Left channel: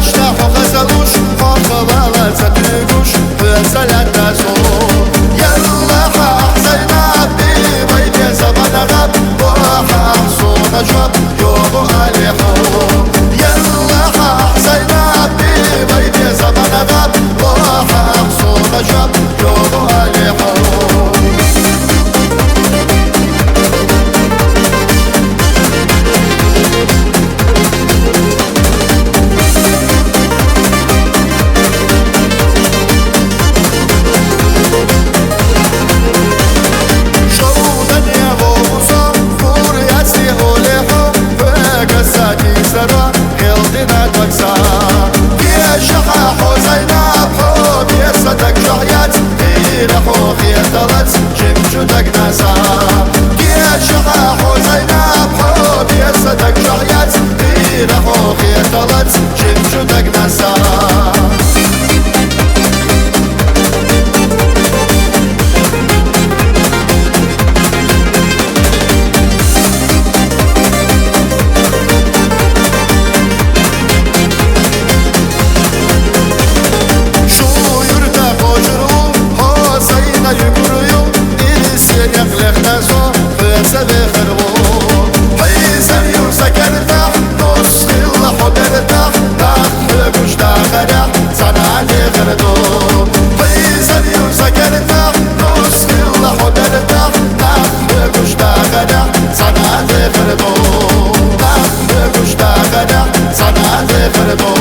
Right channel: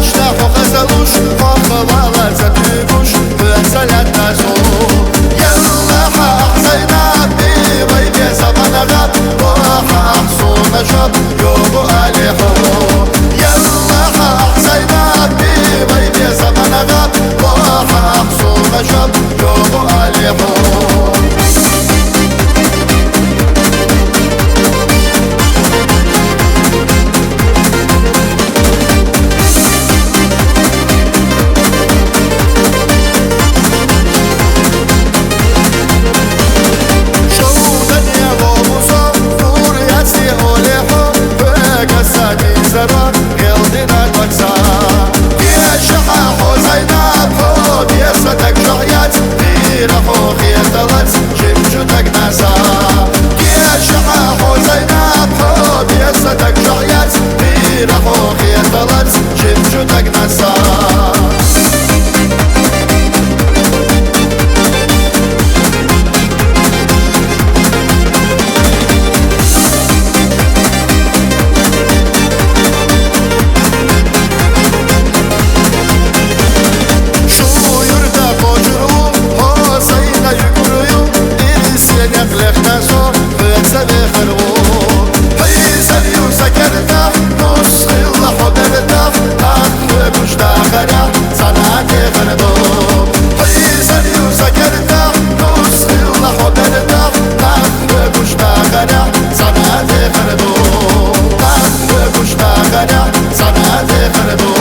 اشتاح وغزلوش وخبالة زدوش وزلت نسو يلا حق زينب بيبي زمان غاب وححصون شب يوبو أليحو يلا حق زينب بيبي زمان غاب وححصون شب يوبو أليحو سرا غلدنا تكسا يا شحا حزينب حب يسدك جعيات غيرحو خيطلت شمشتك ناسا يا شحا حزينب حب يسدك جعيات غيرحو خيطلت شمشتك ناسا يقولوا إليسين يقلق نسو فلسفة خربو حيزر يوسكرتح نص الله حبرتح نخ كشتاخرح صنعتي غردو حيزر يوسكرتح نص الله حبرتح نخ كشتاخرح صنعتي غردو نخ كشتاخرح صنعتي غردو